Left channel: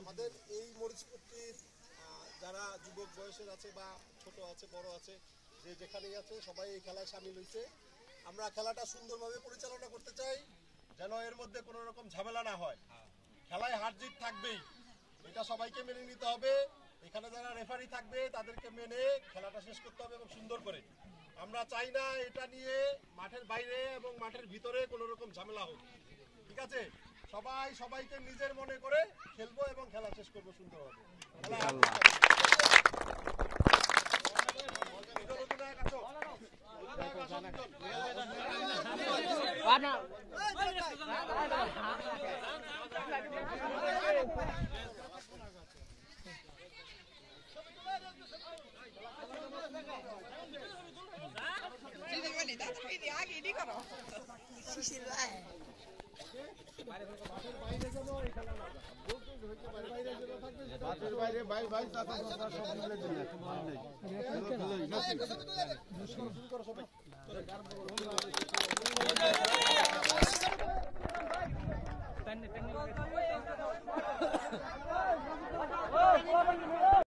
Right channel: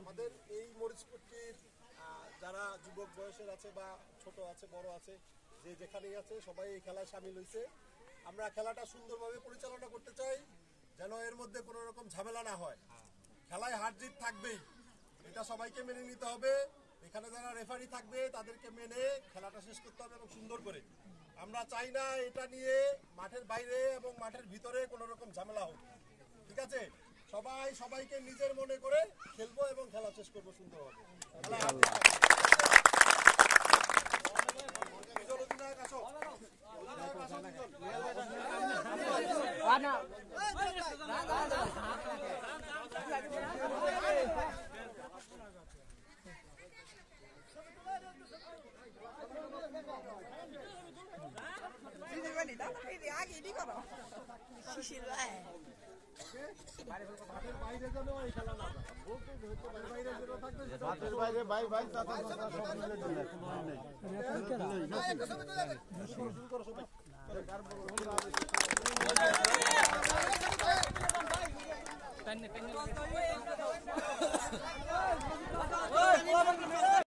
আমাদের এই মরিচপট্টির যারা যুবক বয়সের আছে বা ছোট আছে বড় আছে যে যেখানেই আছে সবাই এই খেলায় সামিল হয়েছে। আমরা খেলাটা সুন্দরভাবে পরিচালনা করতে চাই যেন এর মধ্যে কোনো রকম ঝামেলা না হয়। খেলায় হার জিত থাকবেই, এটা সবাইকে মেনে নিতে হবে। এখানে যারা রেফারি থাকবে তাদেরকে মেনে খেলাটা শেষ করতে হবে এবং সুন্দর করে। আমরা চাই না এটা নিয়ে মাঠের বাইরে এবং মাঠের ভিতরে কোনো রকম ঝামেলা হোক। ঠিক আছে, সবাই সবাইকে নিজের মনে করে খেলবো এবং খেলা শেষ করবো সুন্দরভাবে। বাইরে